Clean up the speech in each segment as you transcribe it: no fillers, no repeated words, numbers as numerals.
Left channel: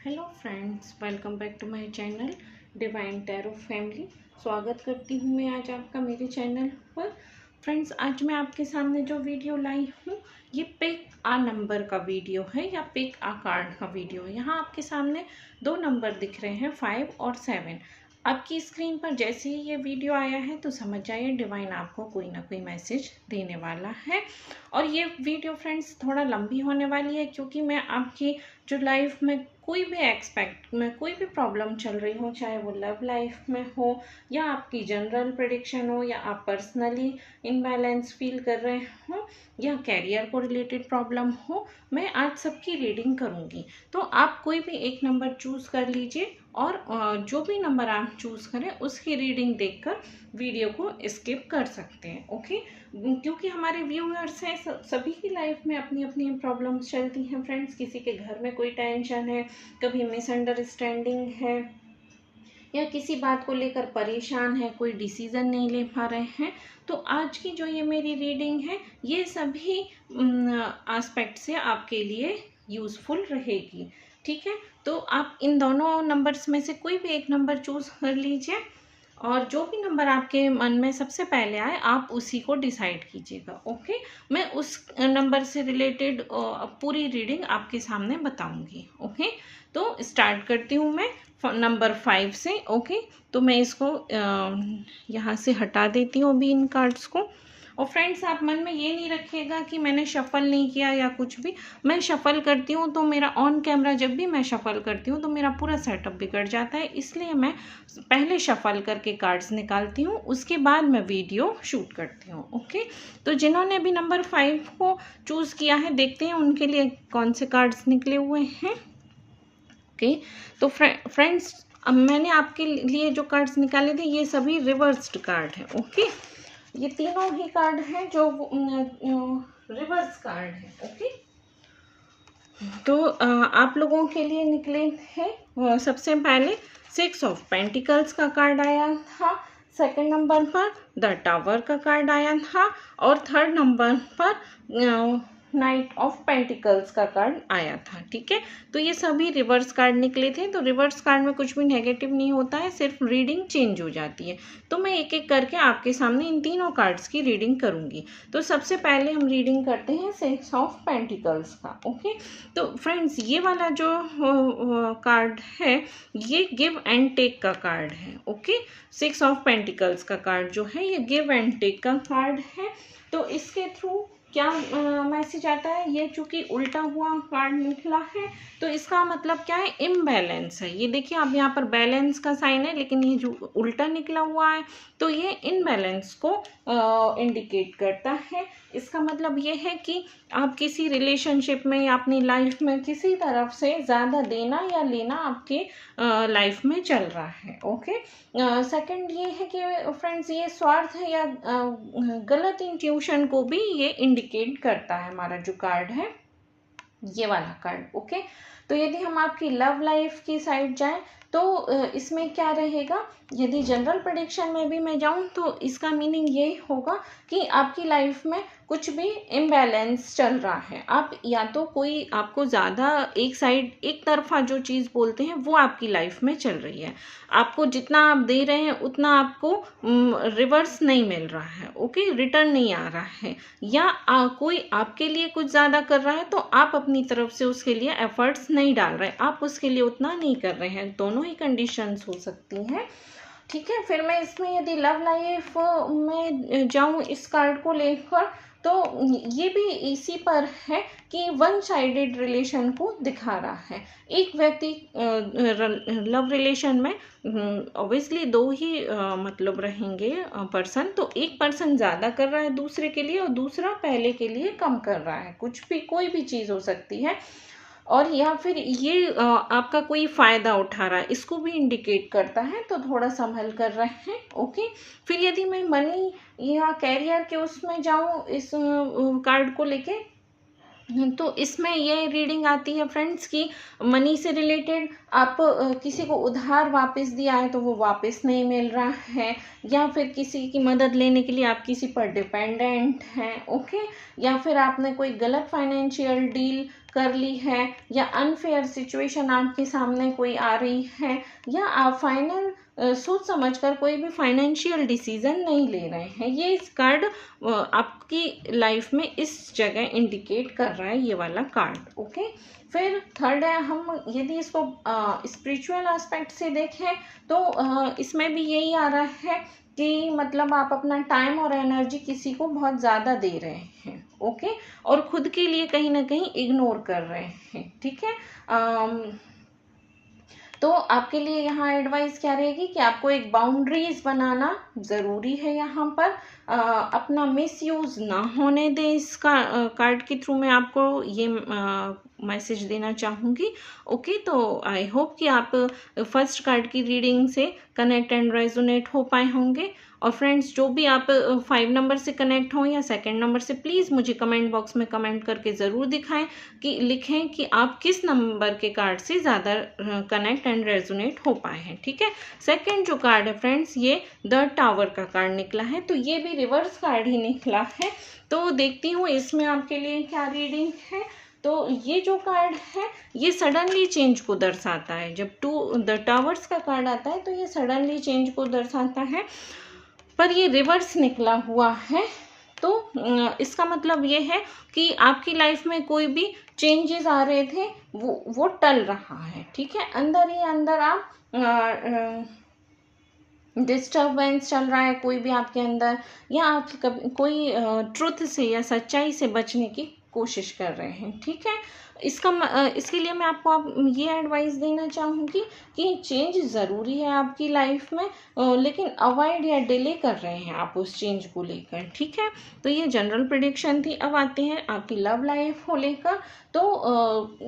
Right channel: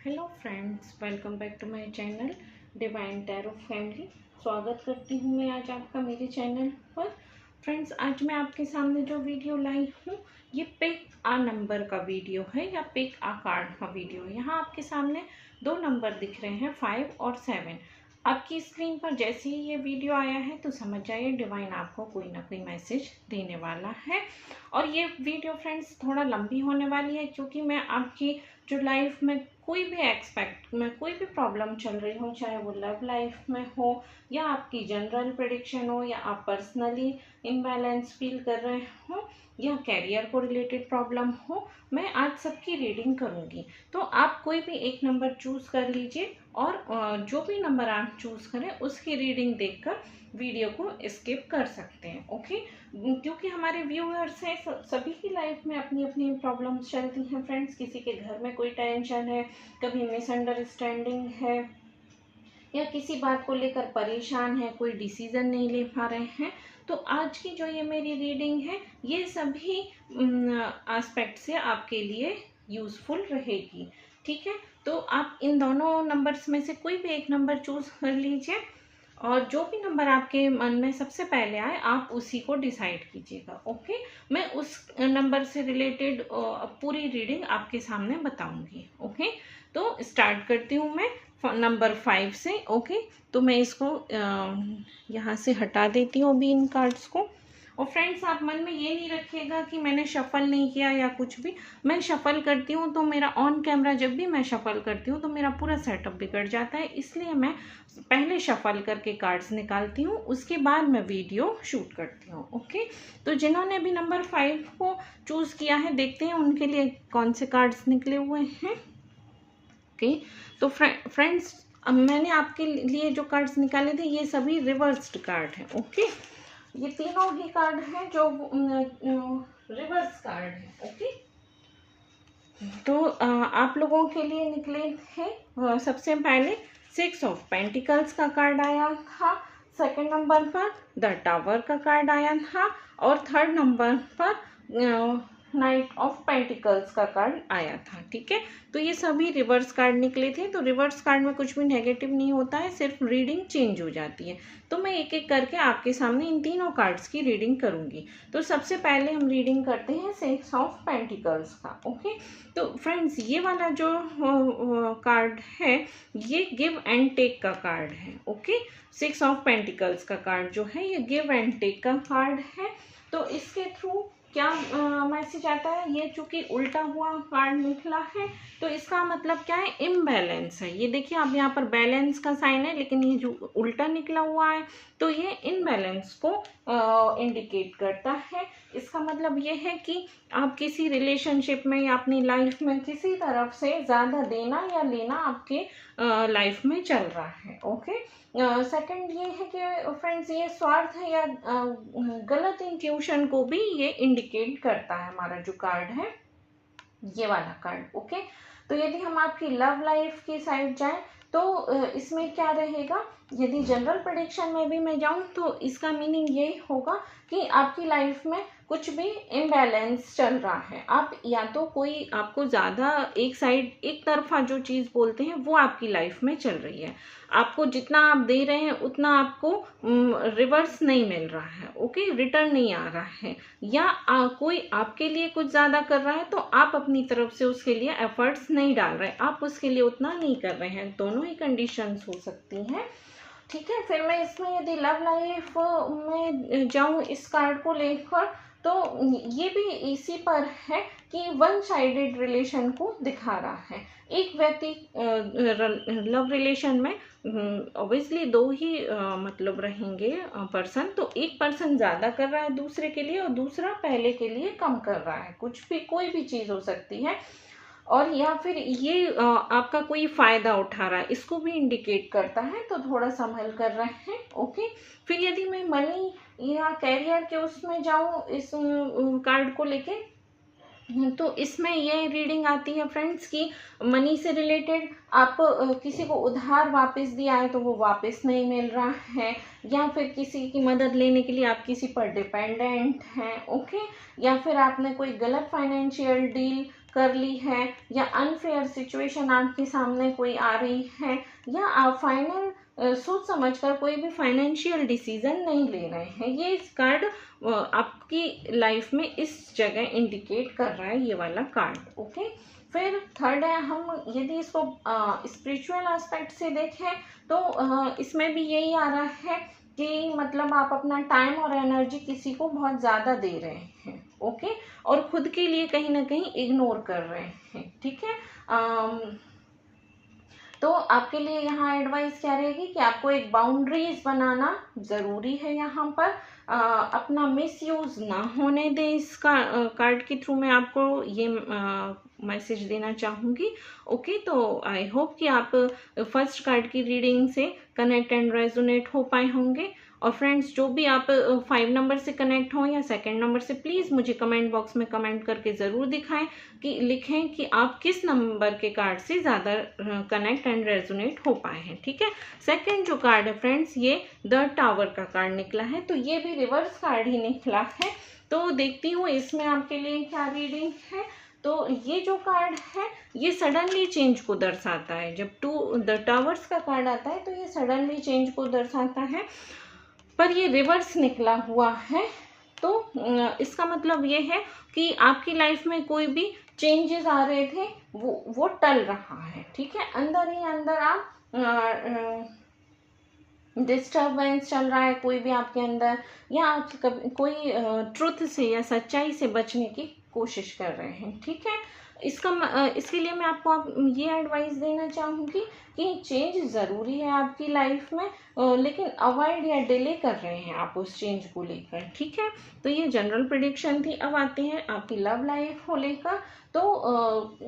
Hello friends, welcome back to my channel divine tarot family. स्वागत करती हूँ मैं आज आपका मेरे चैनल पर। फ्रेंड्स, आज मैं आपके सामने जो वीडियो लाई हूँ ये पिक आ नंबर का वीडियो है या पिक आ कार्ड का वीडियो है। यहाँ आपके सामने दो नंबर दिख रहे हैं, 5 और 7। आपकी स्क्रीन पर जैसे ही ये वीडियो आया है तो समझ जाइए डिवाइन आपको कोई ना कोई मैसेज देने वाला है। और ये वीडियो फ्रेंड्स थोड़ा लंबी होने वाली है क्योंकि मैं आपकी जो लाइफ में कोई भी प्रॉब्लम चल रही हो, चाहे वो लव लाइफ में हो या आपकी जनरल प्रेडिक्शन हो या आप पर्सनली इम्बैलेंस फील कर रहे हो या कैरियर को रिलेटेड प्रॉब्लम हो, मैं आज सबकी रीडिंग करूंगी। तो आप कोई भी एक नंबर चूज कर लीजिए और जो भी नंबर आप चूज करें उसकी रीडिंग देखकर वीडियो को स्किप कर सकते हैं। ओके, क्योंकि हमारे व्यूअर्स हैं, सभी की लाइफ में अपनी अपनी प्रॉब्लम्स चलती हैं फ्रेंड्स। किसी के घर में कोई टेंशन है, कभी मिसअंडरस्टैंडिंग है या किसी बात को लेकर परेशान है, कोई डिसीजन नहीं ले पा रहे हैं। तो आज की जो ये मेरी रीडिंग है ये सभी एस्पेक्ट से आपके लिए यूज़फुल रहेगी। ठीक है, तो आप इन दोनों नंबर्स में से कोई भी एक नंबर चूज कर लीजिए और जो भी नंबर आपके मन में सबसे पहले आए आप उसी को डिसाइड कीजिएगा। ओके, मैं उस नंबर से रिलेटेड पूरी रीडिंग आपके सामने बताऊंगी। ओके, तो स्टार्ट करती हूँ मैं नंबर 5 से। ओके, तो मैं इसको यहाँ से हटा देती हूँ अभी इन कार्ड्स को। और फ्रेंड्स, आप मन में ये नहीं रखिएगा कि मैंने शफल नहीं किया या कुछ भी। मैं शफल करती हूँ तो मेरा ऑन कैमरा जब भी मैं शफल करती हूँ तो मेरा पूरा सेटअप बिगड़ जाता है, इसलिए मैं पहले शफल करके कार्ड्स निकालती हूँ, उसके बाद मैं वीडियो शूट करती हूँ। ओके, तो जिन्होंने भी नंबर 5 को चूज़ किया है देखते हैं उनके लिए कौन से कार्ड्स निकले हुए हैं। ओके, तो फ्रेंड्स, मैंने आपके लिए जो कार्ड्स निकाले थे ये सभी रिवर्स्ड कार्ड हैं। ओके, ये तीनों ही कार्ड हैं जो रिवर्स कार्ड है। ओके, तो आप लोगों के लिए निकले हैं सबसे पहले 6 ऑफ पेंटिकल्स का कार्ड आया था, सेकंड नंबर पर द टावर का कार्ड आया था और थर्ड नंबर पर नाइट ऑफ पेंटिकल्स का कार्ड आया था। ठीक है, तो ये सभी रिवर्स कार्ड निकले थे। तो रिवर्स कार्ड में कुछ भी नेगेटिव नहीं होता है, सिर्फ रीडिंग चेंज हो जाती है। तो मैं एक एक करके आपके सामने इन तीनों कार्ड्स की रीडिंग करूंगी। तो सबसे पहले हम रीडिंग करते हैं 6 ऑफ पेंटिकल्स का। ओके, तो फ्रेंड्स, ये वाला जो कार्ड है ये गिव एंड टेक का कार्ड है। ओके, 6 ऑफ पेंटिकल्स का कार्ड जो है ये गिव एंड टेक का कार्ड है। तो इसके थ्रू क्या मैसेज आता है, ये चूंकि उल्टा हुआ कार्ड निकला है तो इसका मतलब क्या है, इम्बैलेंस है। ये देखिए, अब यहाँ पर बैलेंस का साइन है लेकिन ये जो उल्टा निकला हुआ है तो ये इम्बैलेंस को इंडिकेट करता है। इसका मतलब ये है कि आप किसी रिलेशनशिप में या अपनी लाइफ में किसी तरफ से ज़्यादा देना या लेना आपके लाइफ में चल रहा है। ओके, सेकंड ये है कि फ्रेंड्स, ये स्वार्थ है या गलत इंट्यूशन को भी ये इंडिकेट करता है हमारा जो कार्ड है, ये वाला कार्ड। ओके, तो यदि हम आपकी लव लाइफ की साइड जाएं तो इसमें क्या रहेगा, यदि जनरल प्रेडिक्शन में भी मैं जाऊं तो इसका मीनिंग ये होगा कि आपकी लाइफ में कुछ भी इम्बैलेंस चल रहा है। आप या तो कोई आपको ज़्यादा एक साइड एक तरफा जो चीज़ बोलते हैं वो आपकी लाइफ में चल रही है। आपको जितना आप दे रहे हैं उतना आपको रिवर्स नहीं मिल रहा है। ओके, रिटर्न नहीं आ रहा है, या कोई आपके लिए कुछ ज़्यादा कर रहा है तो आप अपनी तरफ से उसके लिए एफर्ट्स नहीं डाल रहे, आप उसके लिए उतना नहीं कर रहे हैं। दोनों ही कंडीशंस हो सकती हैं। ठीक है, फिर मैं इसमें यदि लव लाइफ में जाऊं इस कार्ड को लेकर तो ये भी इसी पर है कि वन साइडेड रिलेशन को दिखा रहा है। एक व्यक्ति लव रिलेशन में ऑब्वियसली दो ही मतलब रहेंगे पर्सन, तो एक पर्सन ज़्यादा कर रहा है दूसरे के लिए और दूसरा पहले के लिए कम कर रहा है। कुछ भी कोई भी चीज़ हो सकती है, और या फिर ये आपका कोई फ़ायदा उठा रहा है, इसको भी इंडिकेट करता है। तो थोड़ा संभल कर रहे हैं। ओके, फिर यदि मैं मनी या कैरियर के उसमें जाऊं इस कार्ड को लेके तो इसमें ये रीडिंग आती है फ्रेंड्स कि मनी से रिलेटेड आप किसी को उधार वापस दिया है तो वो वापस नहीं मिल रहा है, या फिर किसी की मदद लेने के लिए आप किसी पर डिपेंडेंट हैं। ओके, या फिर आपने कोई गलत फाइनेंशियल डील कर ली है, या अनफेयर सिचुएशन आपके सामने कोई आ रही है, या आप फाइनल सोच समझकर कोई भी फाइनेंशियल डिसीजन नहीं ले रहे हैं, ये इस कार्ड आपकी लाइफ में इस जगह इंडिकेट कर रहा है, ये वाला कार्ड। ओके, फिर थर्ड है, हम यदि इसको स्पिरिचुअल एस्पेक्ट से देखें तो इसमें भी यही आ रहा है कि मतलब आप अपना टाइम और एनर्जी किसी को बहुत ज़्यादा दे रहे हैं। ओके, और खुद के लिए कहीं ना कहीं इग्नोर कर रहे हैं। ठीक है, तो आपके लिए यहाँ एडवाइस क्या रहेगी कि आपको एक बाउंड्रीज बनाना ज़रूरी है। यहाँ पर अपना मिसयूज ना होने दें। इस कार्ड के थ्रू मैं आपको ये मैसेज देना चाहूँगी। ओके, तो आई होप कि आप फर्स्ट कार्ड की रीडिंग से कनेक्ट एंड रेजोनेट हो पाए होंगे। और फ्रेंड्स, जो भी आप 5 नंबर से कनेक्ट हों या सेकंड नंबर से, प्लीज़ मुझे कमेंट बॉक्स में कमेंट करके ज़रूर दिखाएं कि लिखें कि आप किस नंबर के कार्ड से ज़्यादा कनेक्ट एंड रेजोनेट हो पाए हैं। ठीक है, सेकंड जो कार्ड है फ्रेंड्स, ये द टावर का कार्ड निकला है, तो ये भी रिवर्स कार्ड ही निकला है। तो देखती हूँ इसमें आपके लिए क्या रीडिंग है। तो ये जो कार्ड है ये सडनली चेंज को दर्शाता है। जब द टावर्स का कार्ड आता है तो ये सडनली चेंज को दर्शाता है, पर ये रिवर्स निकला हुआ है। तो इसका मतलब ये है कि आपकी लाइफ में कोई भी चेंजेस आ रहे थे वो टल रहा है। ठीक है, अंदर ही अंदर आप डिस्टर्बेंस चल रहा है कोई भी आपके अंदर, या आप कोई ट्रुथ से या सच्चाई से बचने की कोशिश कर रहे हैं। ठीक है, इसके लिए मैं आपको ये एडवाइस देना चाहूँगी कि चेंज ज़रूरी है आपकी लाइफ में, लेकिन अवॉइड या डिले कर रहे हैं आप उस चेंज को लेकर। ठीक है, तो ये जनरल प्रेडिक्शन थी। अब आते हैं आपकी लव लाइफ को लेकर। तो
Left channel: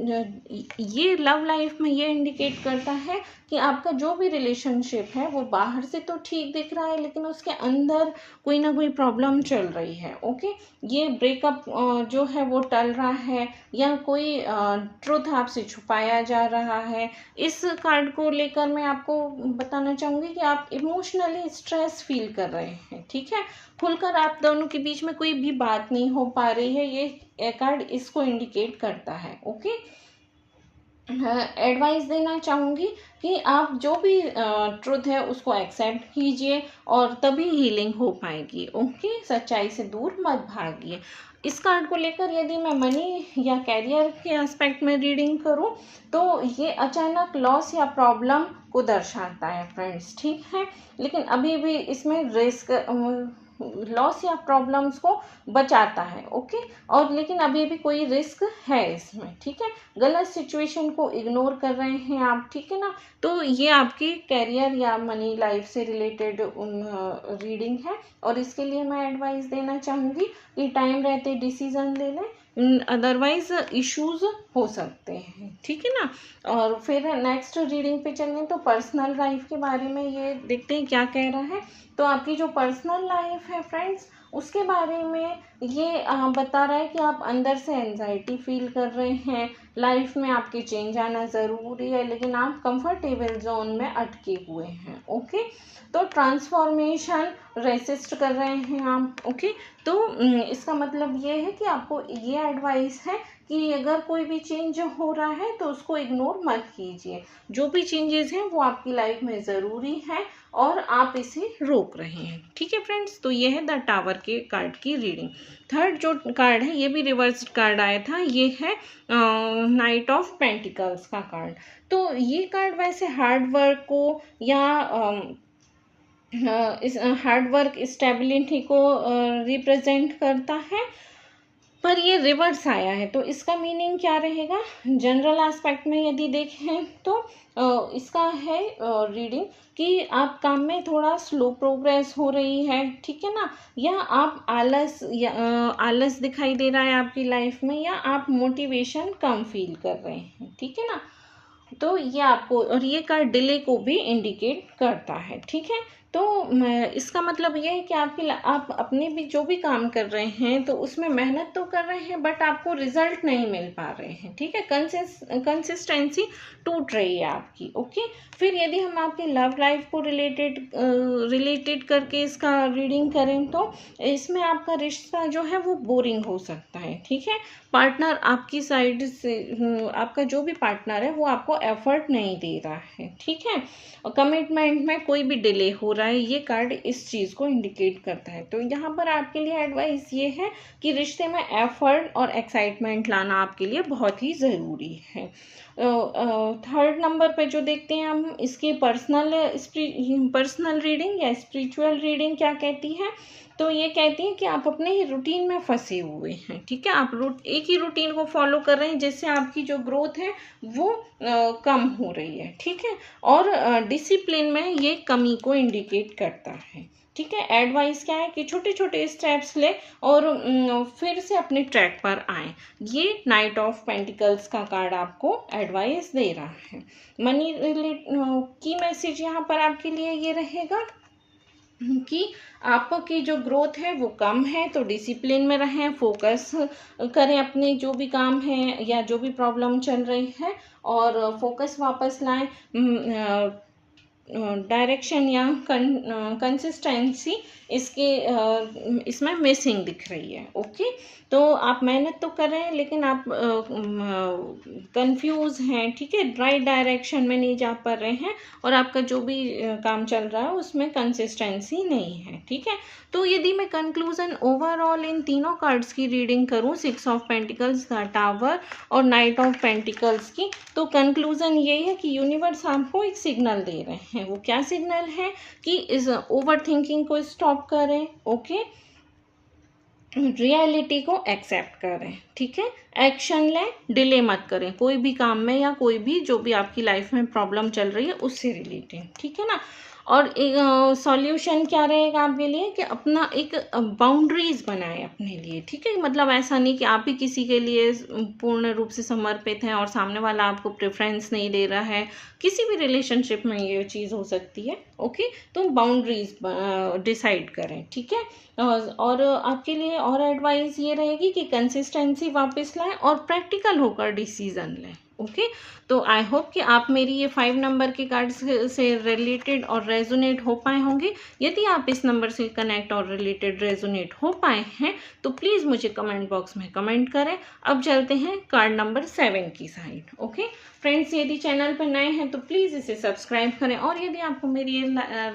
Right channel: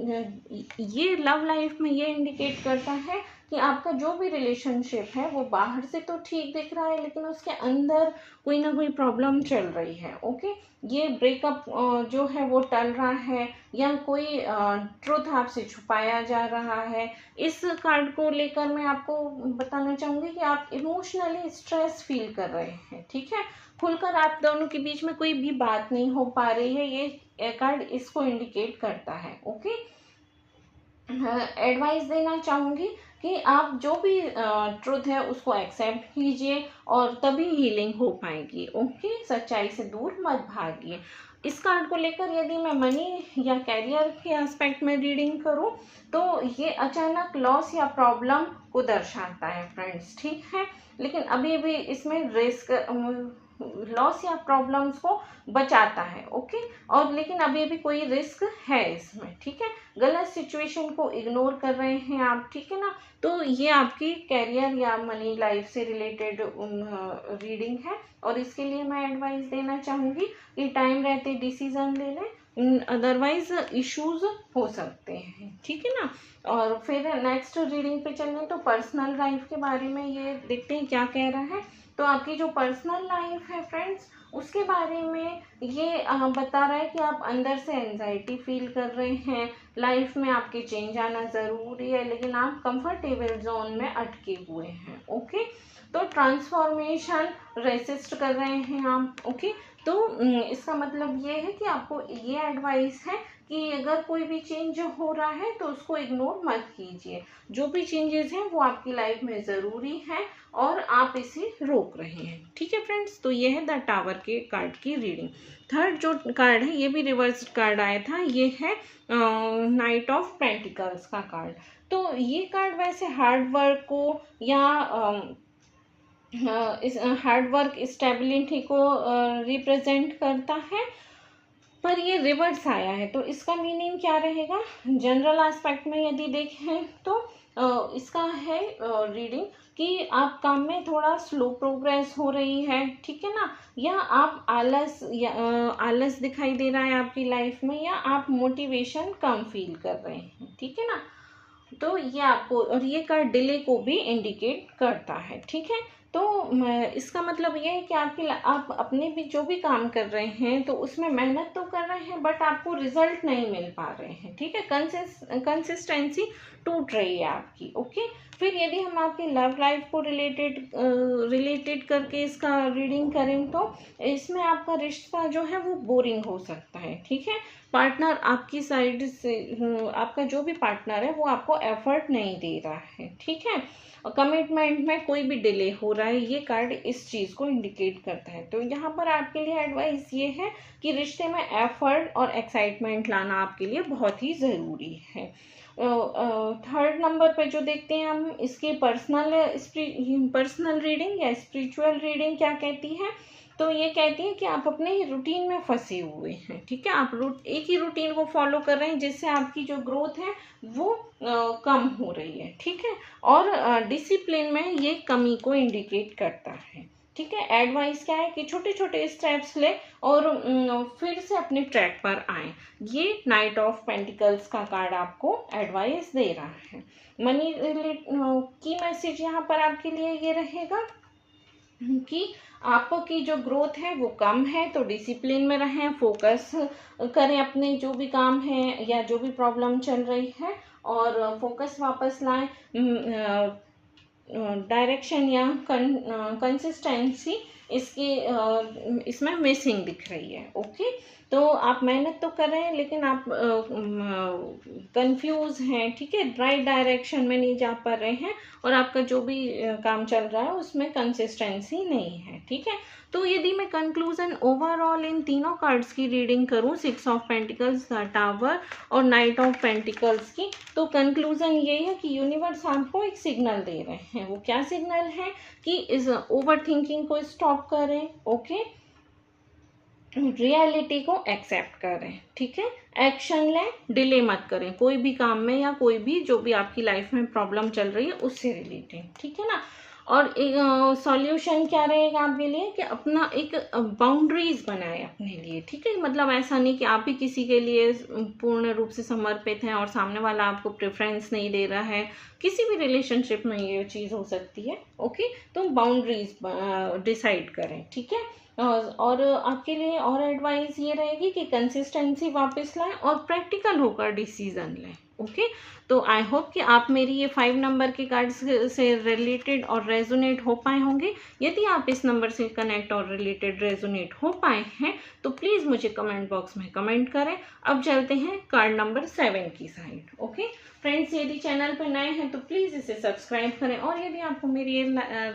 ये लव लाइफ में ये इंडिकेट करता है कि आपका जो भी रिलेशनशिप है वो बाहर से तो ठीक दिख रहा है, लेकिन उसके अंदर कोई ना कोई प्रॉब्लम चल रही है। ओके, ये ब्रेकअप जो है वो टल रहा है, या कोई ट्रुथ आपसे छुपाया जा रहा है। इस कार्ड को लेकर मैं आपको बताना चाहूँगी कि आप इमोशनली स्ट्रेस फील कर रहे हैं। ठीक है, खुलकर आप दोनों के बीच में कोई भी बात नहीं हो पा रही है, ये कार्ड इसको इंडिकेट करता है। ओके, एडवाइस देना चाहूँगी कि आप जो भी ट्रुथ है उसको एक्सेप्ट कीजिए और तभी हीलिंग हो पाएगी। ओके, सच्चाई से दूर मत भागिए। इस कार्ड को लेकर यदि मैं मनी या कैरियर के एस्पेक्ट में रीडिंग करूं तो ये अचानक लॉस या प्रॉब्लम को दर्शाता है फ्रेंड्स। ठीक है, लेकिन अभी भी इसमें रिस्क लॉस या प्रॉब्लम्स को बचाता है। ओके, और लेकिन अभी भी कोई रिस्क है इसमें। ठीक है, गलत सिचुएशन को इग्नोर कर रहे हैं आप। ठीक है ना, तो ये आपकी कैरियर या मनी लाइफ से रिलेटेड रीडिंग है, और इसके लिए मैं एडवाइस देना चाहूँगी कि टाइम रहते डिसीजन ले लें, अदरवाइज इश्यूज हो सकते हैं। ठीक है ना, और फिर नेक्स्ट रीडिंग पे चलें तो पर्सनल लाइफ के बारे में ये देखते हैं क्या कह रहा है। तो आपकी जो पर्सनल लाइफ है फ्रेंड्स, उसके बारे में ये बता रहा है कि आप अंदर से एंजाइटी फील कर रहे हैं, लाइफ में आपके चेंज आना ज़रूरी है, लेकिन आप कंफर्टेबल जोन में अटके हुए हैं। ओके, तो ट्रांसफॉर्मेशन रेसिस्ट कर रहे हैं आप। ओके, तो इसका मतलब ये है कि आपको ये एडवाइस है कि अगर कोई भी चेंज हो रहा है तो उसको इग्नोर मत कीजिए। जो भी चेंजेस हैं वो आपकी लाइफ में ज़रूरी है और आप इसे रोक रहे हैं। ठीक है फ्रेंड्स, तो ये है द टावर के कार्ड की रीडिंग। थर्ड जो कार्ड है ये भी रिवर्स कार्ड आया था, ये है नाइट ऑफ पेंटिकल्स का कार्ड। तो ये कार्ड वैसे हार्ड वर्क को या इस हार्ड वर्क स्टेबिलिटी को रिप्रेजेंट करता है, पर ये रिवर्स आया है। तो इसका मीनिंग क्या रहेगा जनरल एस्पेक्ट में यदि देखें तो इसका है रीडिंग कि आप काम में थोड़ा स्लो प्रोग्रेस हो रही है। ठीक है ना, या आप आलस दिखाई दे रहा है आपकी लाइफ में, या आप मोटिवेशन कम फील कर रहे हैं। ठीक है ना, तो ये आपको, और ये कार्ड डिले को भी इंडिकेट करता है। ठीक है, तो इसका मतलब ये है कि आप अपने भी जो भी काम कर रहे हैं तो उसमें मेहनत तो कर रहे हैं, बट आपको रिजल्ट नहीं मिल पा रहे हैं, ठीक है, कंसिस्टेंसी टूट रही है आपकी। ओके, फिर यदि हम आपकी लव लाइफ को रिलेटेड करके इसका रीडिंग करें तो इसमें आपका रिश्ता जो है वो बोरिंग हो सकता है, ठीक है। पार्टनर आपकी साइड से, आपका जो भी पार्टनर है वो आपको एफर्ट नहीं दे रहा है, ठीक है, और कमिटमेंट में कोई भी डिले हो रहा है, ये कार्ड इस चीज़ को इंडिकेट करता है। तो यहाँ पर आपके लिए एडवाइस ये है कि रिश्ते में एफर्ट और एक्साइटमेंट लाना आपके लिए बहुत ही ज़रूरी है। थर्ड नंबर पे जो देखते हैं हम, इसकी पर्सनल रीडिंग या स्पिरिचुअल रीडिंग क्या कहती है, तो ये कहती है कि आप अपने ही रूटीन में फंसे हुए हैं, ठीक है, आप एक ही रूटीन को फॉलो कर रहे हैं जिससे आपकी जो ग्रोथ है वो कम हो रही है, ठीक है, और डिसिप्लिन में ये कमी को इंडिकेट करता है, ठीक है। एडवाइस क्या है कि छोटे छोटे स्टेप्स ले और फिर से अपने ट्रैक पर आए। ये नाइट ऑफ पेंटिकल्स का कार्ड आपको एडवाइस दे रहा है। मनी रिलेट की मैसेज यहाँ पर आपके लिए ये रहेगा कि आपकी जो ग्रोथ है वो कम है, तो डिसिप्लिन में रहें, फोकस करें अपने जो भी काम है या जो भी प्रॉब्लम चल रही है, और फोकस वापस लाएं। डायरेक्शन या कंसिस्टेंसी इसमें मिसिंग दिख रही है। ओके, तो आप मेहनत तो कर रहे हैं लेकिन आप कंफ्यूज हैं, ठीक है, राइट डायरेक्शन में नहीं जा पा रहे हैं, और आपका जो भी काम चल रहा है उसमें कंसिस्टेंसी नहीं है, ठीक है। तो यदि मैं कंक्लूजन ओवरऑल इन तीनों कार्ड्स की रीडिंग करूं, 6 ऑफ पेंटिकल्स, द टावर और नाइट ऑफ पेंटिकल्स की, तो कंक्लूजन ये है कि यूनिवर्स आपको एक सिग्नल दे रहे हैं। वो क्या सिग्नल है कि इस ओवर थिंकिंग को स्टॉप करें, ओके, रियलिटी को एक्सेप्ट करें, ठीक है, एक्शन लें, डिले मत करें कोई भी काम में या कोई भी जो भी आपकी लाइफ में प्रॉब्लम चल रही है उससे रिलेटेड, ठीक है ना। और एक सॉल्यूशन क्या रहेगा आपके लिए कि अपना एक बाउंड्रीज बनाए अपने लिए, ठीक है, मतलब ऐसा नहीं कि आप ही किसी के लिए पूर्ण रूप से समर्पित हैं और सामने वाला आपको प्रेफरेंस नहीं दे रहा है। किसी भी रिलेशनशिप में ये चीज़ हो सकती है, ओके, तो बाउंड्रीज डिसाइड करें, ठीक है। और आपके लिए और एडवाइस ये रहेगी कि कंसिस्टेंसी वापस लाएं और प्रैक्टिकल होकर डिसीजन लें, ओके। तो आई होप कि आप मेरी ये 5 नंबर के कार्ड से रिलेटेड और रेजोनेट हो पाए होंगे। यदि आप इस नंबर से कनेक्ट और रिलेटेड रेजोनेट हो पाए हैं तो प्लीज़ मुझे कमेंट बॉक्स में कमेंट करें। अब चलते हैं कार्ड नंबर 7 की साइड, ओके। फ्रेंड्स, यदि चैनल पर नए हैं तो प्लीज़ इसे सब्सक्राइब करें, और यदि आपको मेरी ये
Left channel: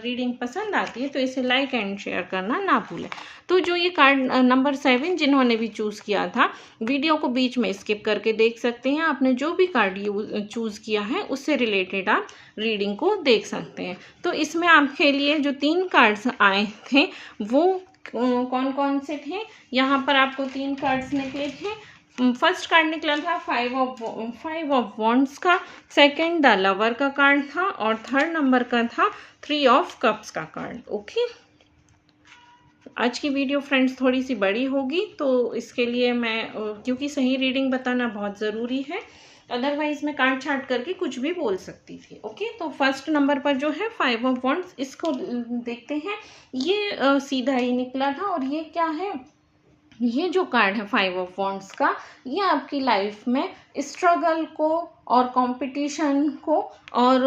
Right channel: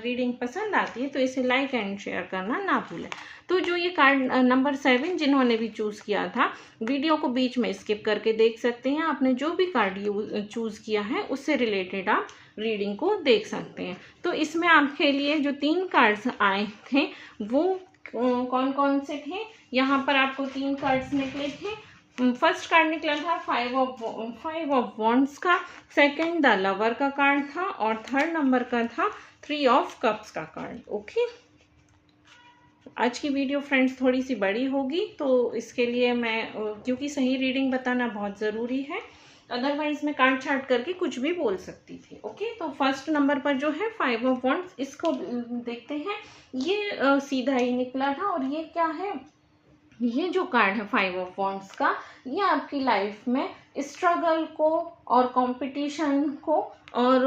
रीडिंग पसंद आती है तो इसे लाइक एंड शेयर करना ना भूलें। तो जो ये कार्ड नंबर 7 जिन्होंने भी चूज़ किया था, वीडियो को बीच में स्किप करके देख सकते हैं। आपने जो भी कार्ड चूज़ किया है उससे रिलेटेड आप रीडिंग को देख सकते हैं। तो इसमें आपके लिए जो 3 कार्ड्स आए थे वो कौन कौन से थे, यहाँ पर आपको 3 कार्ड्स निकले थे। फर्स्ट कार्ड निकला था 5 ऑफ वॉन्ड्स का, सेकंड द लवर का कार्ड था, और थर्ड नंबर का था 3 ऑफ कप्स का कार्ड, ओके। आज की वीडियो फ्रेंड्स थोड़ी सी बड़ी होगी, तो इसके लिए मैं क्योंकि सही रीडिंग बताना बहुत ज़रूरी है, अदरवाइज मैं काट छाट करके कुछ भी बोल सकती थी, ओके। तो फर्स्ट नंबर पर जो है 5 ऑफ वॉन्ड्स, इसको देखते हैं। ये सीधा ही निकला था, और ये क्या है, ये जो कार्ड है 5 ऑफ वॉन्ड्स का, ये आपकी लाइफ में स्ट्रगल को और कंपटीशन को और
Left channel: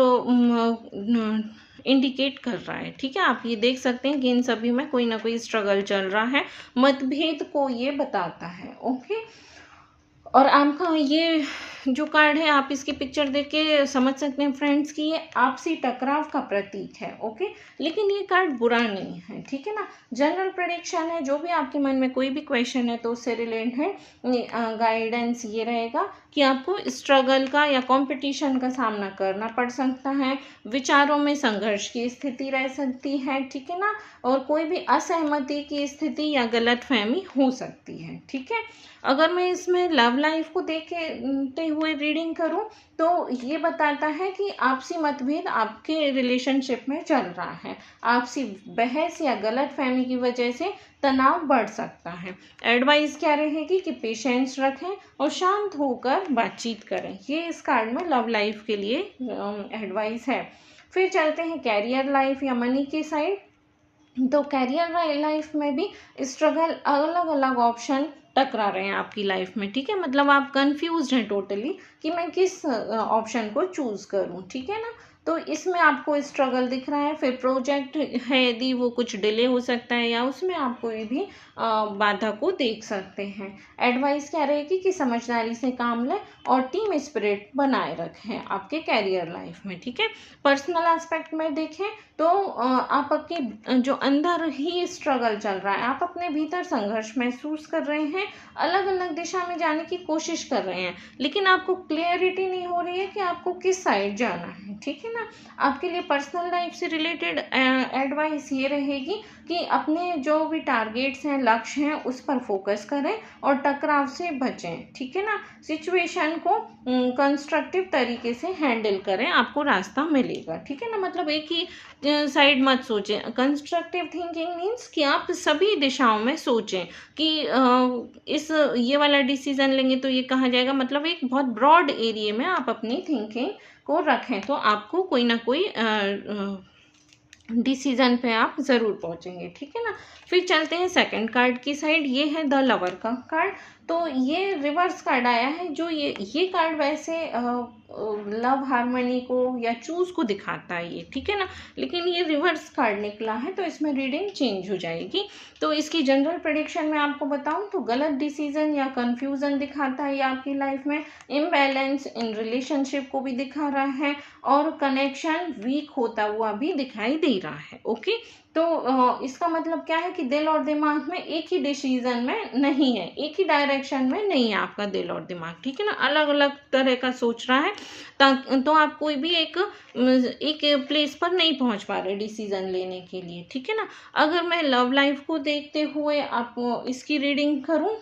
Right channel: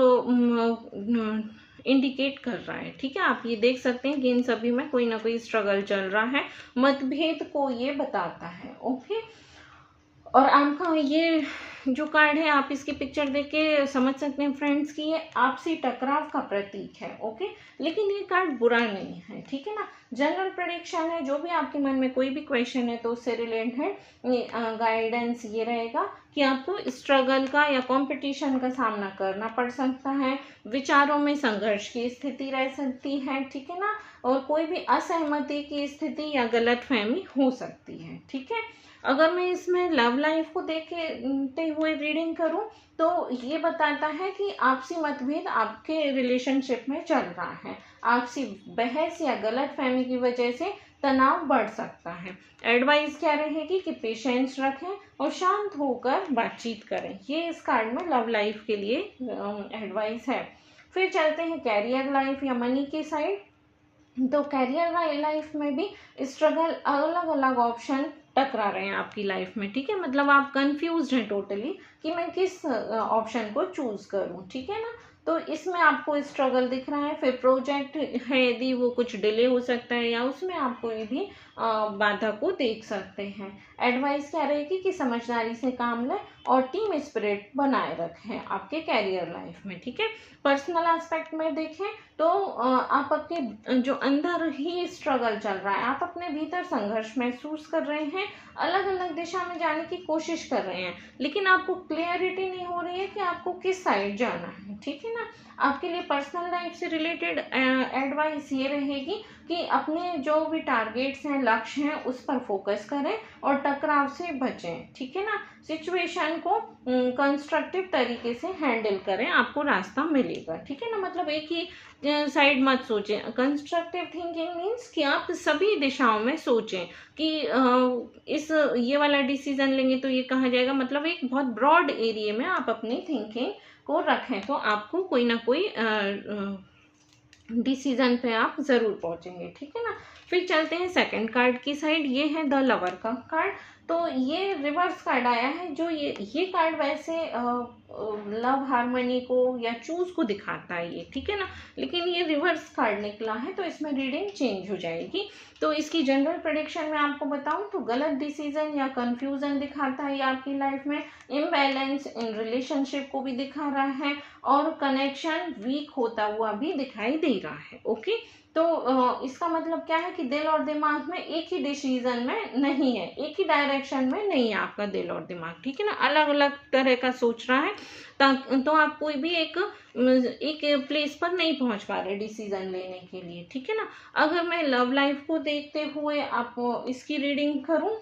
इंडिकेट कर रहा है, ठीक है। आप ये देख सकते हैं कि इन सभी में कोई ना कोई स्ट्रगल चल रहा है, मतभेद को ये बताता है, ओके। और आपका ये जो कार्ड है, आप इसकी पिक्चर देख के समझ सकते हैं फ्रेंड्स कि ये आपसी टकराव का प्रतीक है, ओके। लेकिन ये कार्ड बुरा नहीं है, ठीक है ना। जनरल प्रेडिक्शन है, जो भी आपके मन में कोई भी क्वेश्चन है तो उससे रिलेटेड गाइडेंस ये रहेगा कि आपको स्ट्रगल का या कंपटीशन का सामना करना पड़ सकता है, विचारों में संघर्ष की स्थिति रह सकती है, ठीक है ना, और कोई भी असहमति की स्थिति या गलतफहमी हो सकती है, ठीक है। अगर मैं इसमें लव लाइफ को देखते हुए रीडिंग करूं तो ये बताता है कि आपसी मतभेद आपके रिलेशनशिप में चल रहा है, आपसी बहस या गलतफहमी की वजह से तनाव बढ़ सकता है। एडवाइस क्या रहेगी कि पेशेंस रखें और शांत होकर बातचीत करें। ये इस कार्ड में लव लाइफ के लिए एडवाइस है। फिर चलते हैं कैरियर लाइफ या मनी की साइड। तो कैरियर लाइफ में भी स्ट्रगल, अलग अलग ऑप्शन टकरा रहे हैं आपकी लाइफ में, ठीक है। मतलब आप कंफ्यूज हैं टोटली कि मैं किस ऑप्शन को चूज करूं, ठीक है ना। तो इसमें आपको स्ट्रगल दिख रहा है। फिर प्रोजेक्ट है, यदि वो कुछ डिले हो सकता है या उसमें आप कोई भी बाधा को देख सकते हैं। एडवाइस क्या रहेगी कि समझदारी से काम लें और टीम स्पिरिट बनाए रखें आपके कैरियर लाइफ में, ठीक है। पर्सनल एस्पेक्ट में देखें तो आप आपके जो अंदर ही स्ट्रगल चल रहा है, आप अपने भीतर संघर्ष महसूस कर रहे हैं, अलग अलग दिशा में जाने की कोशिश कर रहे हैं, लेकिन आपको क्लियरिटी नहीं हो रही है कि आपको किस साइड जाना है, ठीक है ना। आपके लिए पर्सनल लाइफ से रिलेटेड एडवाइस ये रहेगी कि अपने जो भी टारगेट्स हैं, लक्ष्य हैं, उस पर फोकस करें और टकराव से बचें, ठीक है ना। सिचुएशन को कंस्ट्रक्टिव तरीके से हैंडल करें, आपको रास्ता मिलेगा, ठीक है ना। मतलब एक ही साइड मत सोचें। कंस्ट्रक्टिव थिंकिंग मीन्स कि आप सभी दिशाओं में सोचें कि ये वाला डिसीजन लेंगे तो ये कहा जाएगा, मतलब एक बहुत ब्रॉड एरिया में आप अपनी थिंकिंग को रखें तो आपको कोई ना कोई डिसीजन पे आप ज़रूर पहुंचेंगे, ठीक है ना। फिर चलते हैं सेकंड कार्ड की साइड। ये है द लवर का कार्ड। तो ये रिवर्स कार्ड आया है। जो ये कार्ड वैसे लव हार्मनी को या चूज को दिखाता है ये, ठीक है ना, लेकिन ये रिवर्स कार्ड निकला है तो इसमें रीडिंग चेंज हो जाएगी। तो इसकी जनरल प्रेडिक्शन में आपको बताऊं तो गलत डिसीजन या कंफ्यूजन दिखाता है ये आपकी लाइफ में, इम्बैलेंस इन रिलेशनशिप को भी दिखा रहा है और कनेक्शन वीक होता हुआ भी दिखाई दे रहा है, ओके। तो इसका मतलब क्या है कि दिल और दिमाग में एक ही डिसीजन में नहीं है, एक ही डायरेक्शन में नहीं है आपका दिल और दिमाग, ठीक है ना, अलग अलग तरह का सोच रहा है। तो आप कोई भी एक प्लेस पर नहीं पहुंच पा रहे डिसीजन लेने के लिए, ठीक है ना। अगर मैं लव लाइफ को देखते हुए आप इसकी रीडिंग करूं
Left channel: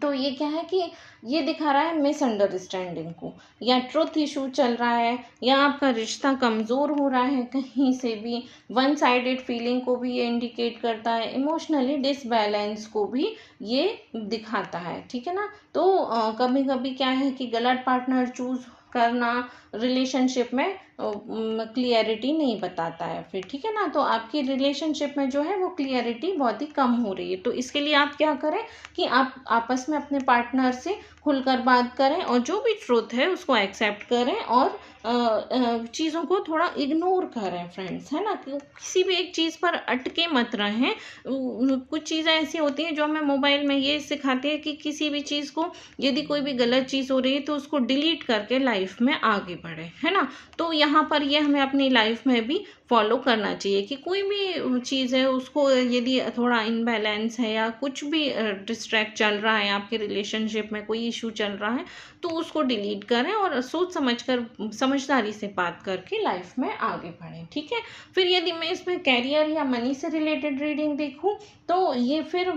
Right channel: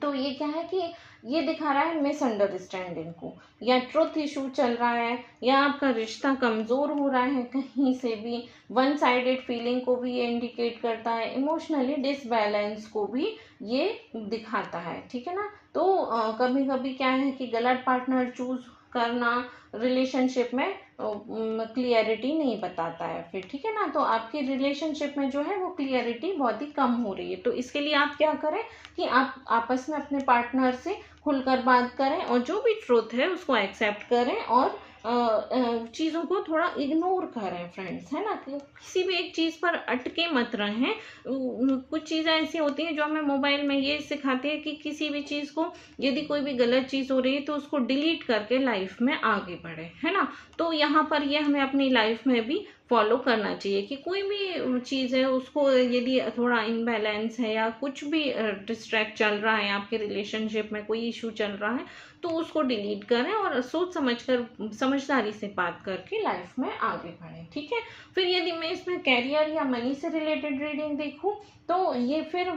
तो ये क्या है कि ये दिखा रहा है मिसअंडरस्टैंडिंग को, या ट्रुथ इशू चल रहा है, या आपका रिश्ता कमज़ोर हो रहा है कहीं से भी, वन साइडेड फीलिंग को भी ये इंडिकेट करता है, इमोशनली डिसबैलेंस को भी ये दिखाता है, ठीक है ना। तो कभी कभी क्या है कि गलत पार्टनर चूज करना रिलेशनशिप में क्लियरिटी नहीं बताता है फिर, ठीक है ना। तो आपकी रिलेशनशिप में जो है वो क्लियरिटी बहुत ही कम हो रही है। तो इसके लिए आप क्या करें कि आप आपस में अपने पार्टनर से खुलकर बात करें और जो भी ट्रुथ है उसको एक्सेप्ट करें और चीज़ों को थोड़ा इग्नोर करें फ्रेंड्स, है ना। किसी भी एक चीज़ पर अटके मत रहें। कुछ चीज़ें ऐसी होती हैं जो हमें मोबाइल में ये सिखाती है कि किसी भी चीज़ को, यदि कोई भी गलत चीज़ हो रही है तो उसको डिलीट करके लाइफ में आगे बढ़े, है ना। तो यहाँ पर ये हमें अपनी लाइफ में भी फॉलो करना चाहिए कि कोई भी चीज़ है उसको, यदि थोड़ा इनबैलेंस है या कुछ भी डिस्ट्रैक्ट चल रहा है, आपके रिलेशनशिप में कोई इशू चल रहा है, तो उसको डिलीट करें और सोच समझकर समझदारी से बात करके लाइफ में आगे बढ़ें, ठीक है। फिर यदि मैं इसमें कैरियर या मनी से रिलेटेड रीडिंग देखूं तो ये फिर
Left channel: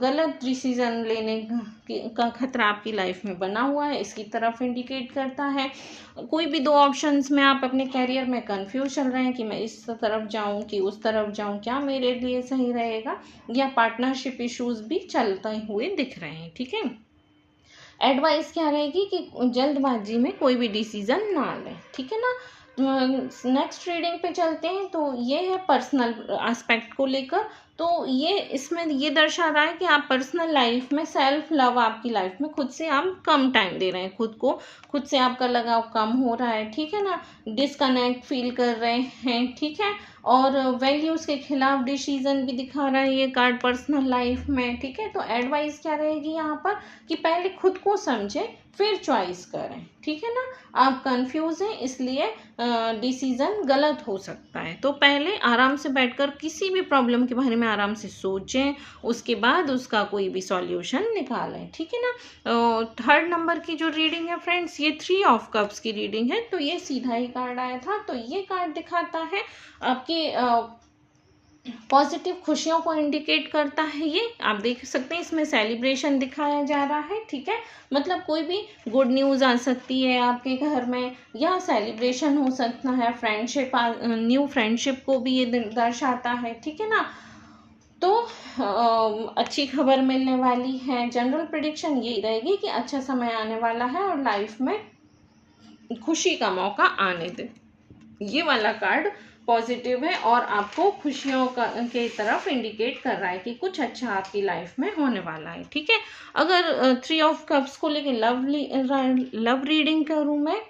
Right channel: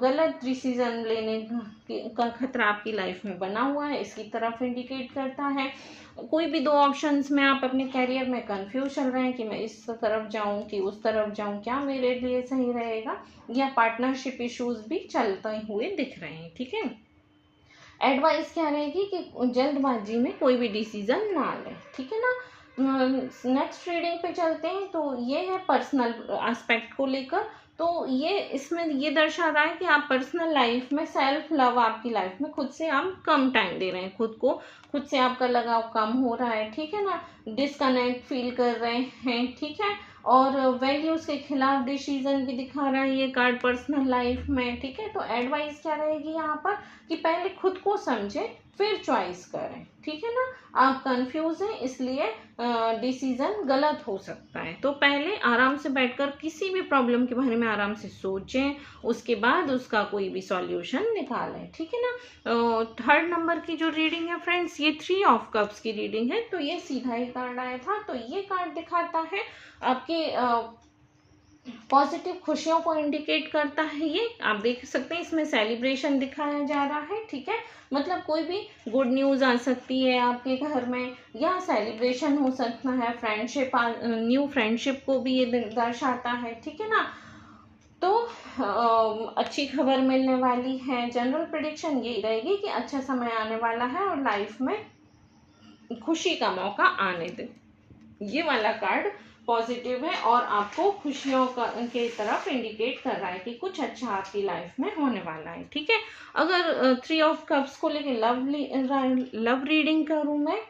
गलत डिसीजन लेने का खतरा आपकी लाइफ में बना हुआ है, इसकी तरफ इंडिकेट करता है। कोई भी दो ऑप्शंस में आप अपने कैरियर में कंफ्यूज चल रहे हैं कि मैं इस तरफ जाऊं कि उस तरफ जाऊं, क्या मेरे लिए सही रहेगा, या पार्टनरशिप इश्यूज भी चलते हुए दिख रहे हैं, ठीक है। एडवाइस क्या रहेगी कि जल्दबाजी में कोई भी डिसीजन ना लें, ठीक है ना। नेक्स्ट रीडिंग पे चलते हैं। तो ये है पर्सनल एस्पेक्ट को लेकर। तो ये इसमें ये दर्शा रहा है कि आप पर्सनल लाइफ में सेल्फ लव, आपकी लाइफ में खुद से आप कम टाइम दे रहे हैं, खुद को, खुद से आपका लगाव कम हो रहा है, ठीक है ना। डिस्कनेक्ट फील कर रहे हैं, ठीक है। और वैल्यूज के खिलाफ डिसीजन भी दिखा रहा है ये कार्ड पर्सनल लाइफ में, ठीक है। तो एडवाइस क्या रहेगी यहाँ पर कि पहले खुद को समझें फिर चॉइस करें, ठीक है ना। आप कंफ्यूज हैं इसलिए डिसीजन गलत हो सकता है, तो पहले आराम से बैठकर किसी भी प्रॉब्लम के बारे में आराम से सोचें, उसके बाद उसका कोई भी सॉल्यूशन निकालें, ठीक है ना। थर्ड नंबर की जो रीडिंग है फ्रेंड्स, ये 3 ऑफ कप्स की रीडिंग है। तो ये सीधा ही कार्ड आया था। तो ये कार्ड दिखाता है आपके पॉजिटिव खुशियों को इंडिकेट करता है। ये आप देख सकते हैं, इसमें सेलिब्रेशन दिखाया जा रहा है, ठीक है। मतलब कोई भी गुड न्यूज़ आ सकती है आपके घर में, या सेलिब्रेशन हो सकता है, फ्रेंडशिप, न्यू फ्रेंडशिप को भी ये दर्शाता है, ठीक है ना। तो अच्छी खबर मिलने वाली है। जनरल प्रेडिक्शन यही रहेगी कि अच्छा समय आने वाला है और लाइफ में खुशी का मौका आने ये वाला कार्ड पॉजिटिव है और आपको खुशियों के तरफ इंडिकेट कर रहा है कि कुछ अच्छा आपकी लाइफ में होने वाला है। ठीक है, अगर 3 ऑफ कप्स को लेके लव रीडिंग करूँ मैं,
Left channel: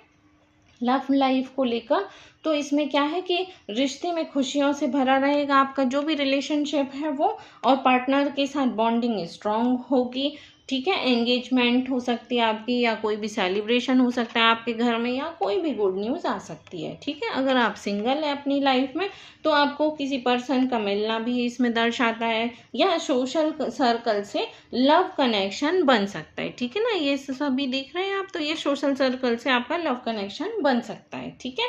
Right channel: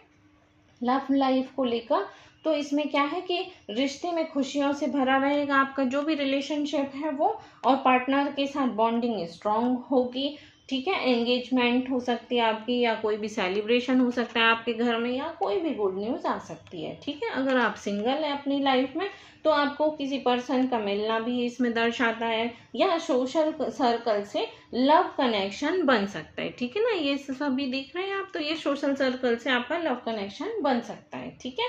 लव लाइफ को लेकर, तो इसमें क्या है कि रिश्ते में खुशियों से भरा रहेगा आपका जो भी रिलेशनशिप है वो, और पार्टनर के साथ बॉन्डिंग स्ट्रांग होगी। ठीक है, एंगेजमेंट हो सकती है आपकी, या कोई भी सेलिब्रेशन हो सकता है आपके घर में, या कोई भी गुड न्यूज़ आ सकती है। ठीक है, अगर आप सिंगल है अपनी लाइफ में तो आपको किसी पर्सन का मिलना भी इसमें दर्शाता है, या सोशल सर्कल से लव कनेक्शन बन सकता है। ठीक है ना, ये सभी देख रहे हैं आप, तो ये सोशल सर्कल से आपका लव कनेक्शन बन सकता है। ठीक है,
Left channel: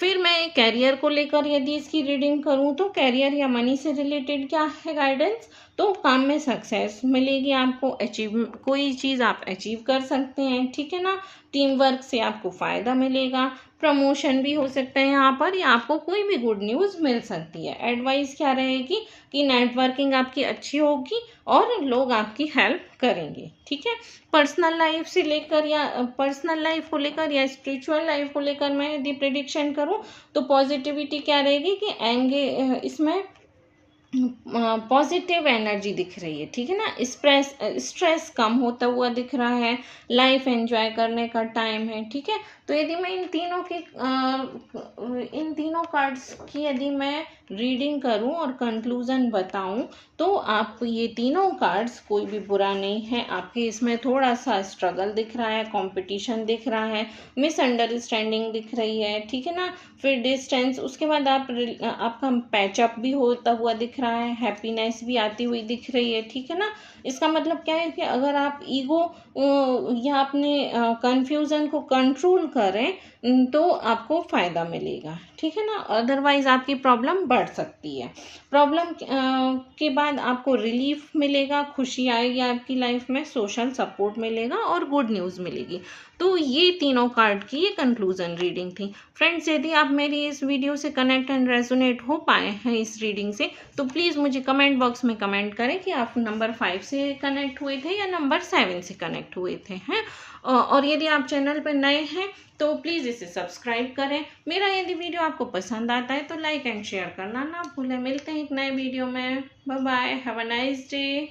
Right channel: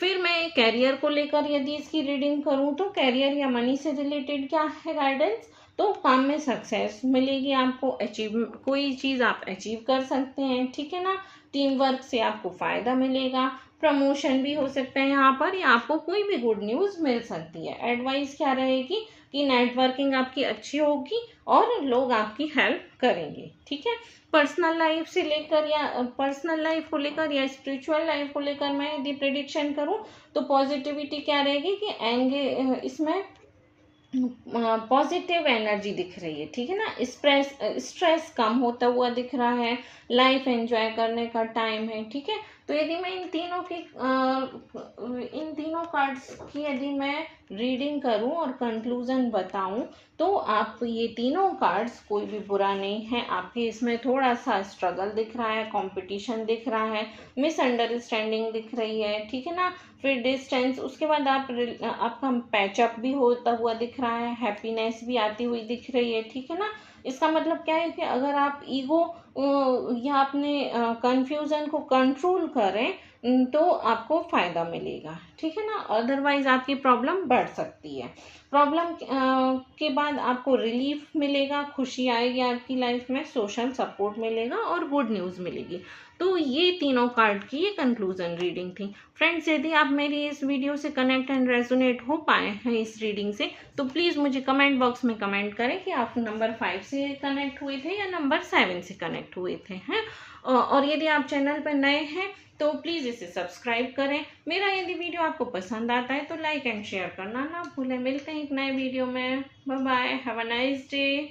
फिर मैं कैरियर को लेकर यदि इसकी रीडिंग करूं तो कैरियर या मनी से रिलेटेड क्या है गाइडेंस, तो काम में सक्सेस मिलेगी आपको, कोई चीज़ आप अचीव कर सकते हैं। ठीक है ना, टीम वर्क से आपको फ़ायदा मिलेगा, प्रमोशन भी हो सकता है यहाँ पर, या आपको कोई भी गुड न्यूज़ मिल सकती है। एडवाइस क्या रहेगी कि नेटवर्किंग आपकी अच्छी होगी और लोग आपकी हेल्प करेंगे। ठीक है, पर्सनल लाइफ से लेकर या पर्सनल लाइफ को लेकर या स्पिरिचुअल लाइफ को लेकर मैं यदि प्रेडिक्शन करूं तो पॉजिटिविटी क्या रहेगी कि इसमें पॉजिटिव एनर्जी दिख रही है। ठीक है ना, स्ट्रेस कम होता हुआ दिख रहा है, लाइफ एंजॉय करने का टाइम है। ठीक है, तो यदि मैं इन तीनों कार्ड्स की यदि मैं रीडिंग करूं और कंक्लूजन बताऊं, तो आप ये तीनों कार्ड्स कोई भी बुरा नहीं है, आपके इसमें थोड़ा सा स्ट्रगल दिख रहा है, कंपटीशन दिख रहा है, मिसअंडरस्टैंडिंग दिख रही है। ठीक है ना, फिर डिस्टेंस, उसके बाद आपका पैचअप भी होता हुआ दिख रहा है, हैप्पीनेस भी आती हुई दिख रही है। ठीक है ना, इसका मतलब क्या है कि अगर आप ईगो या अपने कंफ्यूजन को कंट्रोल करें तो आपको फ़ायदा मिलेगा। ठीक है ना, अदरवाइज आपकी प्रॉब्लम बढ़ सकती है। प्रॉब्लम के बाद आपको रिलीफ मिलेगा, खुशी आएगी आपकी लाइफ में, सोशल सपोर्ट मिलेगा और गुड न्यूज़ मिलेगी। तो ये तीनों कार्ड की ये कंक्लूजन रीडिंग थी। फ्रेंड्स, यदि आप मेरी इस वीडियो से कनेक्ट एंड रेजोनेट हो पाए हैं इस रीडिंग से, तो प्लीज़ मुझे कमेंट बॉक्स में कमेंट करें कि आप नंबर 5 से कनेक्ट हुए थे या नंबर 7 से कनेक्ट हुए थे हैं। और यदि आप चैनल पर नए हैं तो प्लीज़ इसे सब्सक्राइब करें। मेरा यदि वीडियो आपको पसंद आता है तो लाइक एंड शेयर करना ना भूलें। मिलते हैं एक नए वीडियो में। Bye bye, have a nice day.